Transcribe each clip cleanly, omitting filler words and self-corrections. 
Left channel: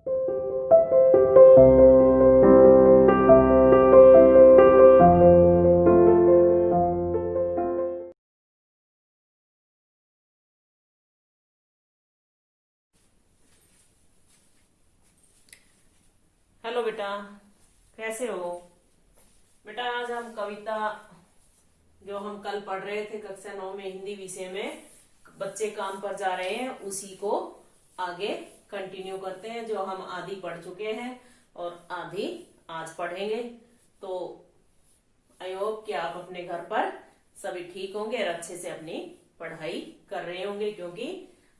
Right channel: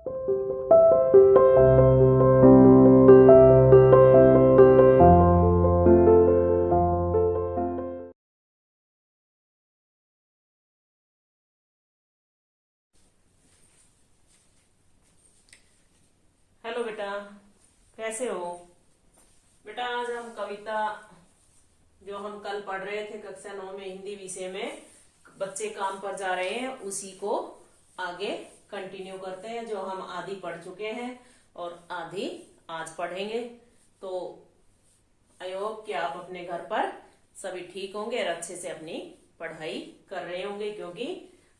Hello बेटा, कैसे हो? बेटा, आज हम कविता जो हम कल पढ़ रहे थे कक्षा 9 में हिंदी विषय में, बच्चे काम पर जा रहे हैं, उसी को आगे कंटिन्यू करते हैं। जो हम आधी पढ़ चुके हैं और आधी आज पढ़ेंगे। तो आई होप कि आप अपने घर पर सभी ठीक होंगे और अच्छे से अपनी पढ़ाई कर रहे होंगे, क्योंकि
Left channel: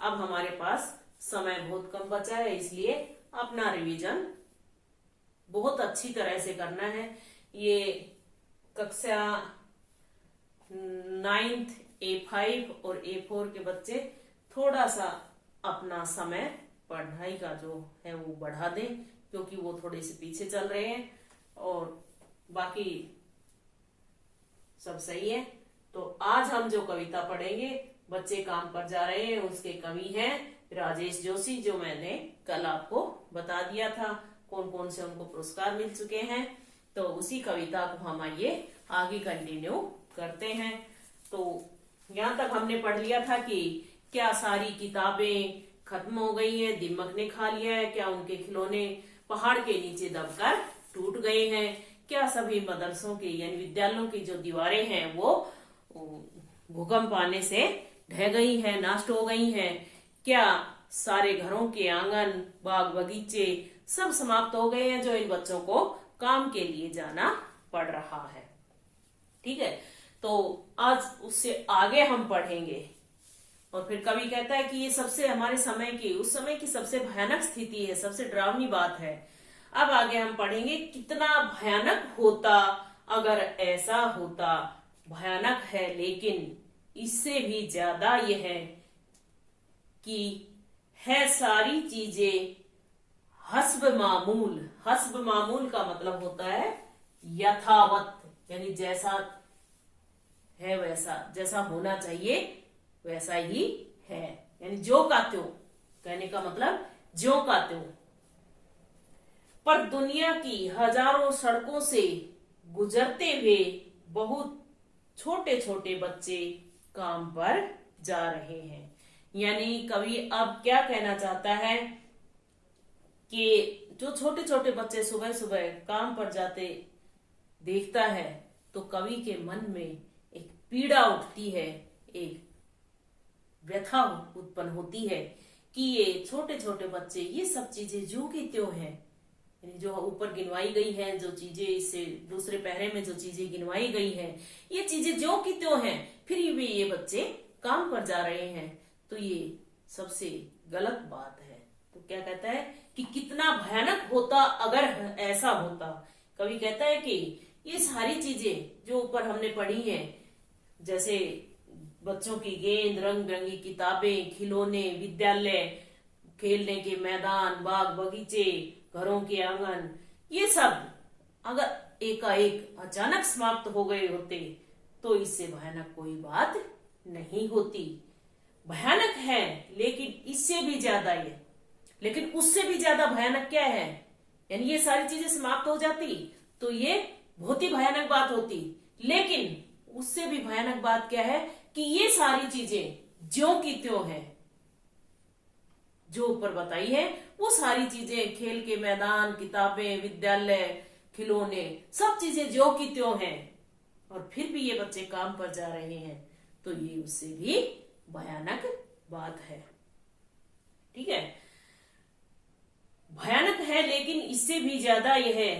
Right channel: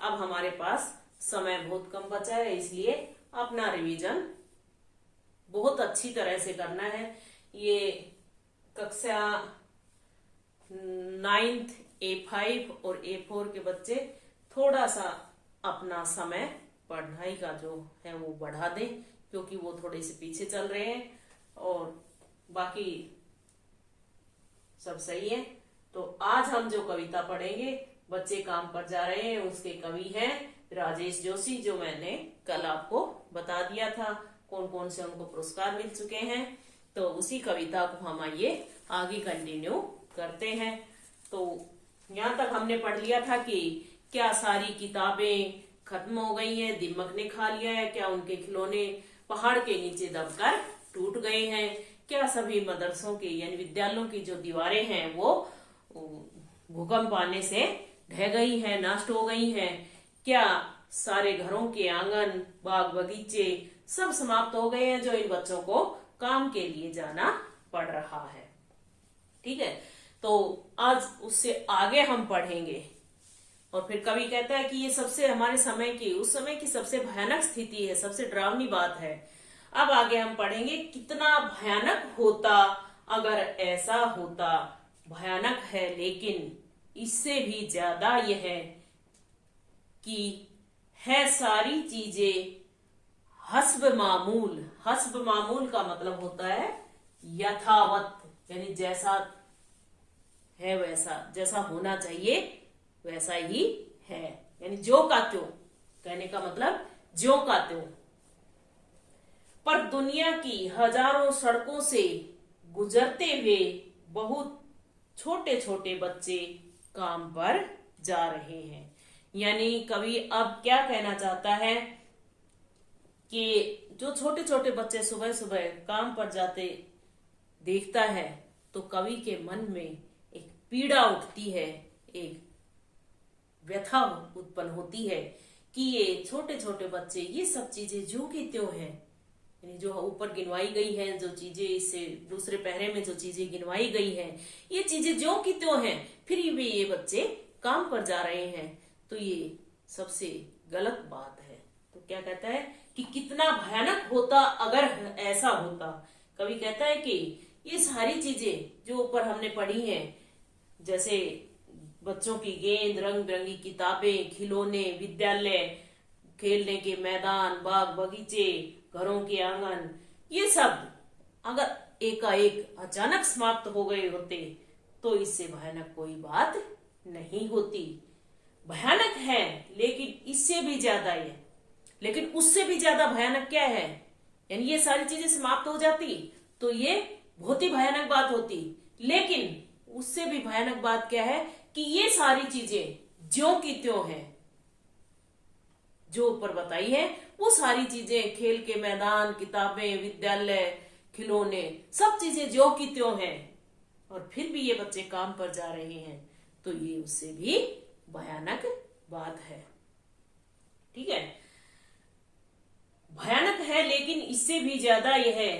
अब हमारे पास समय बहुत कम बचा है, इसलिए अपना रिवीजन बहुत अच्छी तरह से करना है। ये कक्षा 9th A5 और A4 के बच्चे थोड़ा सा अपना समय पढ़ाई का जो है वो बढ़ा दें, क्योंकि वो थोड़े से पीछे चल रहे हैं और बाकी सब सही है। तो आज हम जो कविता पढ़ेंगे, बच्चे काम पर जा रहे हैं, उसके कवि हैं राजेश जोशी, जो मैंने कल आपको बता दिया था कौन कौन से उनको पुरस्कार मिल चुके हैं। तो उसी कविता को हम आइए आगे कंटिन्यू करते हैं। तो यहाँ तक हमने पढ़ लिया था कि क्या सारी किताबें खत्म हो गई हैं, दीमक ने खा लिया है, क्या उनके खिलौने पहाड़ के नीचे दबकर टूट गए हैं, क्या सभी मदरसों की यानी विद्यालयों की जो दीवारें हैं वो भूकंप आने से ढह गई हैं, नष्ट हो गई हैं, क्या सारे घरों के आंगन बाग बगीचे सब समाप्त हो गए हैं, जो इन बच्चों को काम के लिए जाना पड़ रहा है। ठीक है, तो आज उससे आगे हम पढ़ेंगे। और फिर कवि कहता है कि ये सबसे हमारे समय की, उस समय की सबसे भयानक स्थिति है, सबसे डरावनी बात है। अब आगे हम पढ़ेंगे कितना भयानक होता अगर ऐसा होता। भयानक है, लेकिन इससे भी ज्यादा यह है कि है सारी चीजें हस्ब मामूल। हस्ब मामूल का मतलब होता है यथावत, यानी जैसा है वैसा, जैसा होना चाहिए वैसा ही है, यानी जो का त्यों। कहने का मतलब ज्यों का त्यों। पर दुनिया की हजारों सड़कों से गुजरते हुए बहुत छोटे छोटे बच्चे काम पर जा रहे हैं। यानी कवि अब क्या कहना चाहता है कि जो छोटे छोटे बच्चे सुबह सुबह काम पर जाते देखता है, तो कवि के मन में एक पीड़ा उठती है, एक व्यथा उत्पन्न होती है कि ये छोटे छोटे बच्चे ये सब चीजें जो की त्यों हैं, यानी जो ऊपर गिनवाई गई हैं, जो चीजें इससे दूसरे पहरे में जो चीजें गिनवाई गई हैं, ये चीजें जो की त्यों हैं, फिर भी ये बच्चे काम पर जा रहे हैं, तो ये सबसे गलत बात है। तो क्या कहता है कि कितना भयानक होता अगर ऐसा होता। कवि कहता है कि ये सारी चीजें जो ऊपर हमने पढ़ी हैं, जैसे बच्चों की गेंद, रंग बिरंगी किताबें, खिलौने, विद्यालय, खेलने के मैदान, बाग बगीचे, घरों के आंगन, ये सब अगर एकाएक अचानक समाप्त हो गए होते तो इससे भयानक कोई बात नहीं होती। भयानक है, लेकिन इससे भी ज्यादा है, लेकिन उससे भी ज्यादा भयानक क्या है, यानी ये सारी चीजें समाप्त हो जाती तो ये बहुत ही भयानक बात होती। लेकिन उससे भी भयानक बात क्या है कि ये सारी चीजें ज्यों की त्यों है, जो ऊपर बताई है वो सारी चीजें, खेल के मैदान, किताबें, विद्यालय, खिलौने, सब चीजें ज्यों की त्यों हैं, और फिर भी ये बच्चे काम पर जा रहे हैं, तो ये उससे भी भयानक बात है। ठीक है, भयानक है, लेकिन इससे भी ज्यादा यह है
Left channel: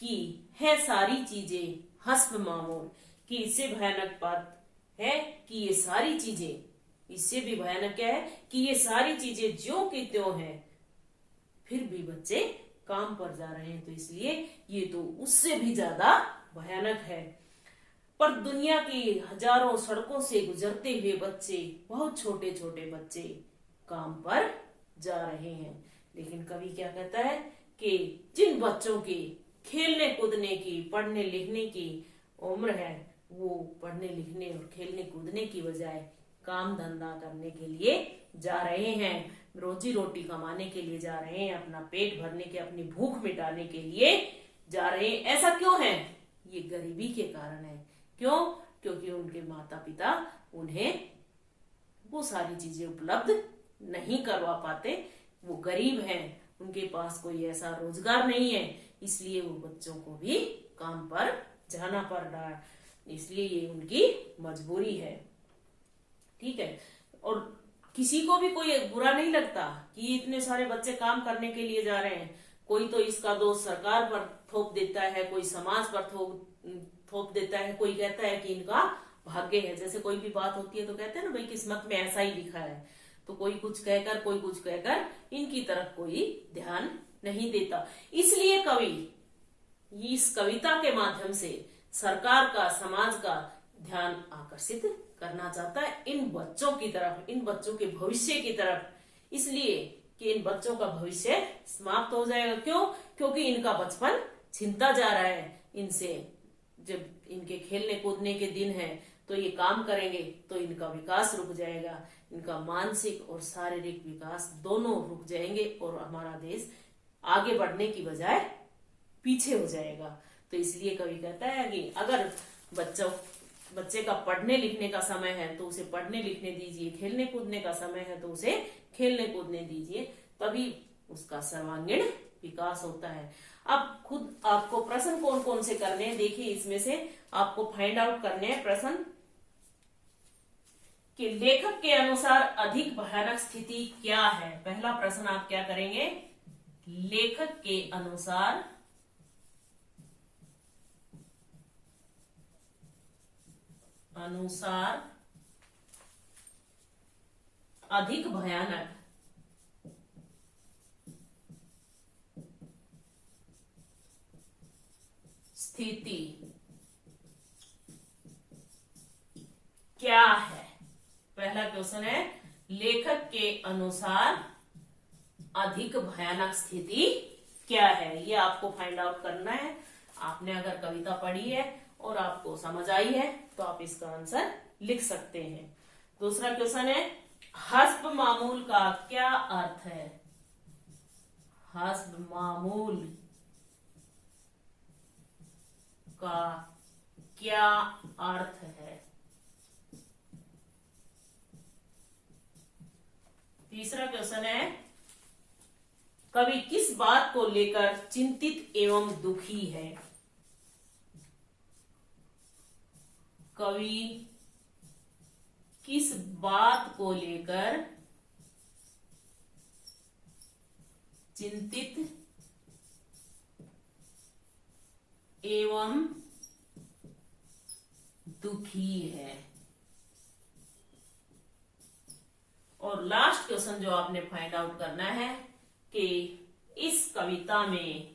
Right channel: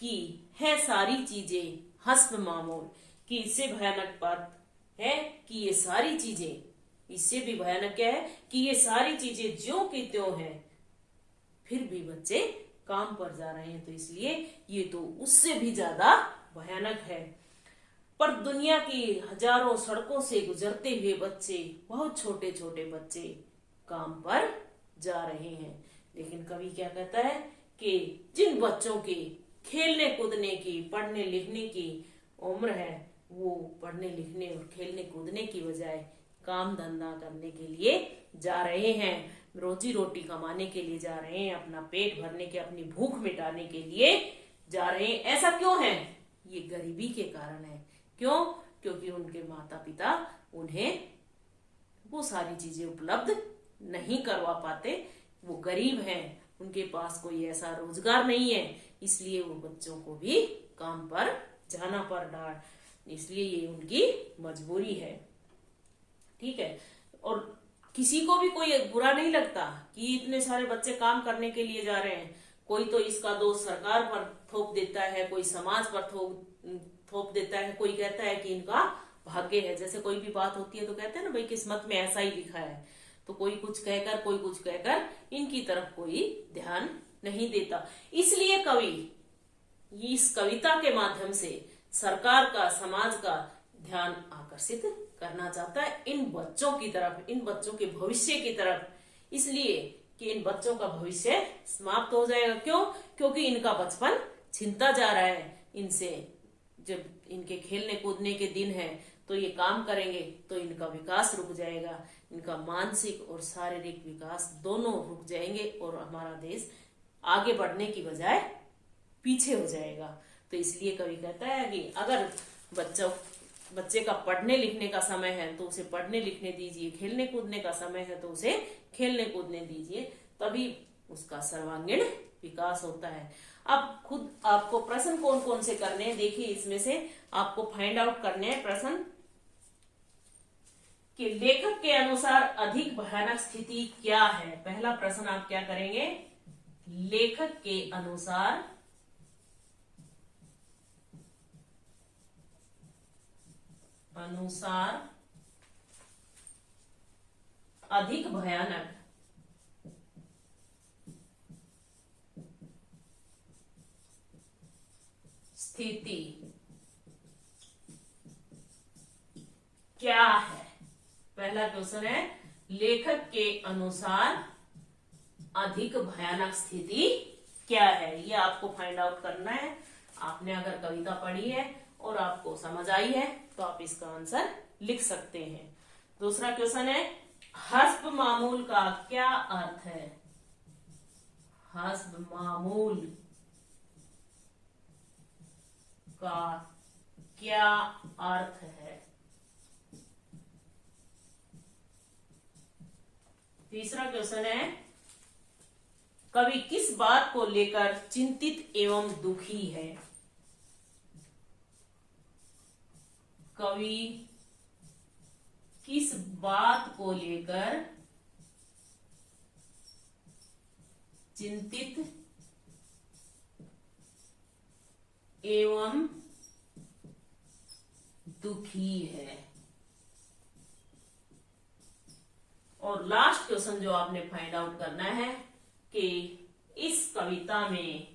कि है सारी चीजें हस्ब मामूल, कि इससे भयानक बात है कि ये सारी चीजें, इससे भी भयानक क्या है कि ये सारी चीजें ज्यों की त्यों है, फिर भी बच्चे काम पर जा रहे हैं, तो इसलिए ये तो उससे भी ज्यादा भयानक है। पर दुनिया की हजारों सड़कों से गुजरते हुए बच्चे, बहुत छोटे छोटे बच्चे काम पर जा रहे हैं। लेकिन कवि क्या कहता है कि जिन बच्चों की खेलने कूदने की, पढ़ने लिखने की उम्र है, वो पढ़ने लिखने और खेलने कूदने की बजाय काम धंधा करने के लिए जा रहे हैं। रोजी रोटी कमाने के लिए जा रहे हैं, अपना पेट भरने के, अपनी भूख मिटाने के लिए जा रहे हैं। ऐसा क्यों है? ये गरीबी के कारण है। क्यों? क्योंकि उनके माता पिता उन्हें वो सारी चीजें उपलब्ध नहीं करवा पाते। वो गरीब हैं, उनके पास कोई ऐसा रोजगार नहीं है, इसलिए वो बच्चों को भी काम पर जाना पड़ रहा है। इसलिए ये उनकी मजबूरी है। ठीक है। और किसी को भी कोई बुरा नहीं लगता कि इतने सारे बच्चे काम करने के लिए जा रहे हैं। कोई तो इसका दोष सरकार पर थोप देता है, कोई समाज पर थोप देता है, कोई कहता है कि इनका भाग्य है। जैसे कोई भी बात होती है तो कहते हैं ना, भाई किस्मत में ऐसा ही लिखा है। तो कोई कुछ कहकर इनकी तरफ कोई ध्यान नहीं देता। इसलिए कवि इस कविता के माध्यम से सरकार का, समाज का ध्यान आकर्षित करना चाहता है इन बच्चों की तरफ, इन बच्चों के भविष्य की तरफ। इसलिए कि इन बच्चों का भविष्य समाप्त हो जाएगा। क्यों? क्योंकि इनका बचपन छिनता जा रहा है इनसे। जब इनके खेलने कूदने के दिन है तो ये काम करेंगे तो इनका विकास रुक जाएगा, इनका मानसिक और शारीरिक विकास दोनों रुक जाएंगे और हमारा देश आगे बढ़ने की बजाय पीछे हो जाएगा। तो इसलिए कवि कहता है कि अगर बच्चे का पढ़ने लिखने का समय है तो उसे पढ़ने लिखने दीजिए, खेलने कूदने का समय है तो उसे खेलने कूदने दीजिए, तभी उसका सर्वांगीण विकास होता है। अब खुद आपको प्रश्न कौन कौन से करने हैं, देखिए इसमें से आपको फाइंड आउट करने हैं प्रश्न कि लेखक के अनुसार अधिक भयानक स्थिति क्या है। पहला प्रश्न आप क्या करेंगे? लेखक के अनुसार अधिक भयानक स्थिति क्या है। पहला क्वेश्चन है, लेखक के अनुसार अधिक भयानक स्थिति क्या है। ये आपको फाइंड आउट करना है। आपने अगर कविता पढ़ी है और आपको समझ आई है तो आप इसका आंसर लिख सकते हैं। दूसरा क्वेश्चन है, हस्ब मामूल का क्या अर्थ है। हस्ब मामूल का क्या अर्थ है। तीसरा क्वेश्चन है, कवि किस बात को लेकर चिंतित एवं दुखी है। कवि किस बात को लेकर चिंतित एवं दुखी है। और लास्ट क्वेश्चन जो आपने फाइंड आउट करना है कि इस कविता में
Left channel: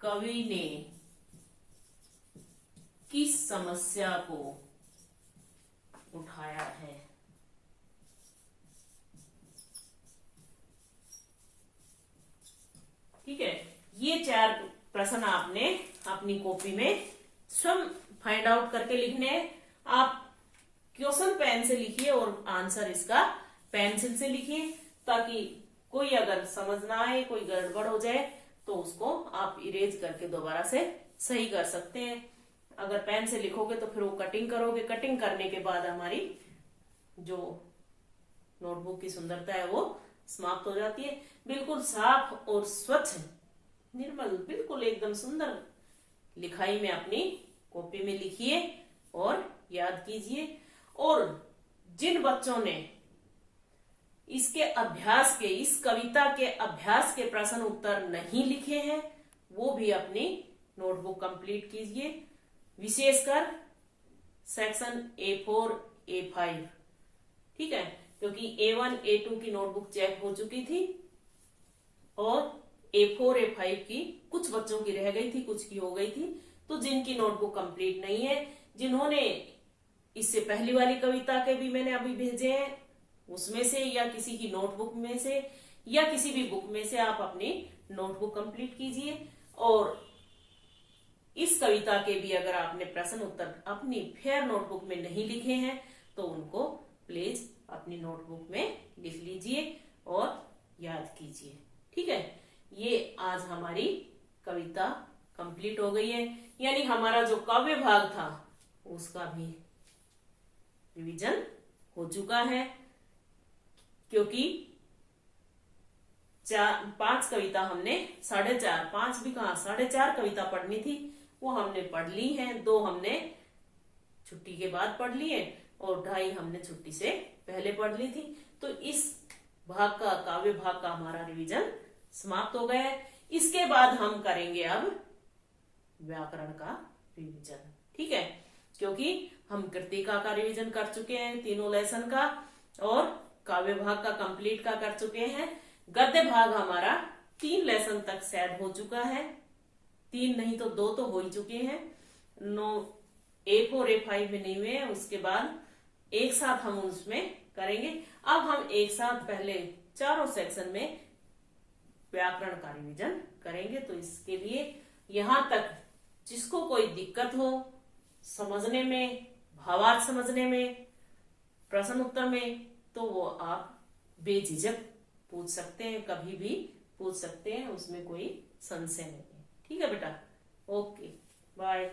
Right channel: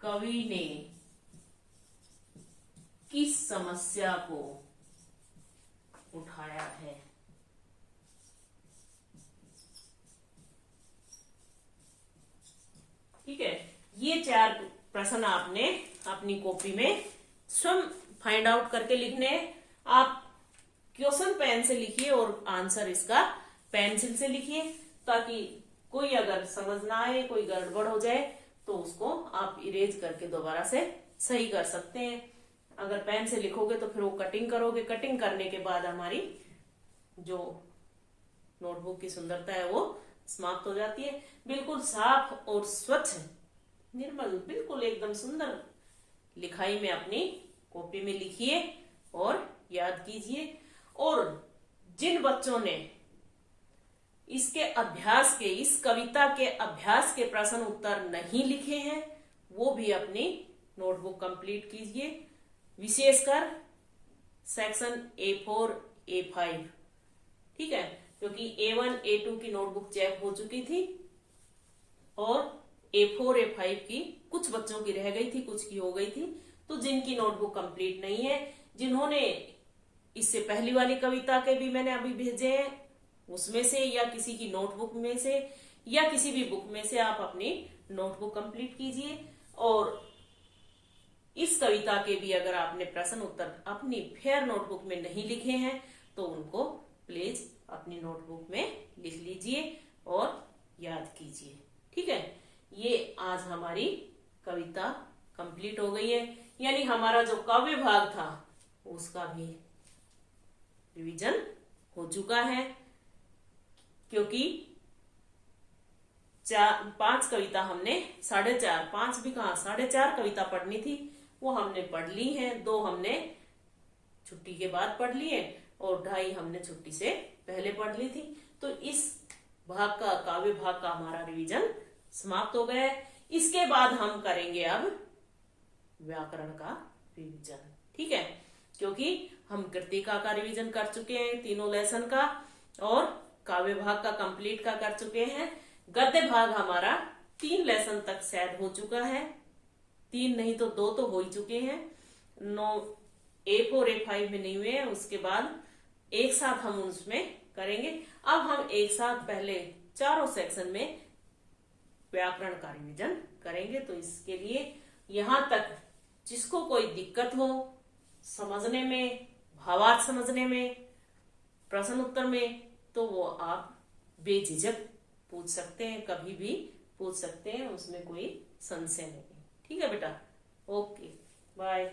कवि ने किस समस्या को उठाया है। ठीक है। ये 4 प्रश्न आपने अपनी कॉपी में स्वयं फाइंड आउट करके लिखने हैं। आप क्वेश्चन पेन से लिखिए और आंसर इसका पेंसिल से लिखिए, ताकि कोई अगर समझ ना आए, कोई गड़बड़ हो जाए तो उसको आप इरेज करके दोबारा से सही कर सकते हैं। अगर पेन से लिखोगे तो फिर वो कटिंग करोगे, कटिंग करने के बाद हमारी जो नोटबुक की सुंदरता है वो समाप्त हो जाती है। बिल्कुल साफ और स्वच्छ, निर्मल, बिल्कुल एकदम सुंदर लिखाई में अपनी कॉपी में लिखिए और याद कीजिए। और जिन बच्चों ने इसके अभ्यास के, इस कविता के अभ्यास के प्रश्न उत्तर नहीं लिखे हैं वो भी अपनी नोटबुक कंप्लीट कीजिए, विशेषकर सेक्शन A4 A5। ठीक है, क्योंकि A1 A2 की नोटबुक चेक हो चुकी थी और A4 A5 की कुछ बच्चों की रह गई थी, कुछ की हो गई थी। तो जिनकी नोटबुक कंप्लीट नहीं है, जिन्होंने इससे पहली वाली कविता के भी मैंने अभी भेजे हैं, उसमें से या किसी की नोटबुक में से या किसी भी बुक में से आप अपनी नोटबुक कंप्लीट कीजिए। और इस कविता के भी अगर आपने प्रश्न उत्तर अपनी फेयर नोटबुक में नहीं लिखे हैं तो उनको प्लीज अपनी नोटबुक में लिख लीजिए और याद कीजिए। ठीक है, ये आज हमारी कविता कंप्लीट हो गई है, यानी हमारा जो काव्य भाग था उसका भी रिवीजन हो चुका है, क्योंकि 5 कविता हमने 4.5 5 भी कहा 4.5 कविता पढ़नी थी, वो हमने पढ़ ली है। 2 हमने छुट्टी के बाद पढ़ ली है और 2.5 हमने छुट्टी से पहले पढ़ ली थी। तो इस भाग का, काव्य भाग का हमारा रिवीजन समाप्त हो गया है। इसके बाद हम करेंगे अब व्याकरण का रिवीजन। ठीक है, क्योंकि हम कृतिका का रिवीजन कर चुके हैं 3 लेसन का, और काव्य भाग का कंप्लीट का कर चुके हैं। गद्य भाग हमारा 3 लेसन तक शायद हो चुका है, 3 नहीं तो 2 तो हो ही चुके हैं। 9 A4 A5 में नहीं हुए हैं, उसके बाद एक साथ हम उसमें करेंगे। अब हम एक साथ पहले चारों सेक्शन में व्याकरण का रिवीजन करेंगे। तो इसके लिए यहां तक जिसको कोई दिक्कत हो समझने में, भावार्थ समझने में, प्रश्न उत्तर में, तो वो आप बेझिझक पूछ सकते हैं, कभी भी पूछ सकते हैं, उसमें कोई संशय नहीं है। ठीक है बेटा, ओके बाय।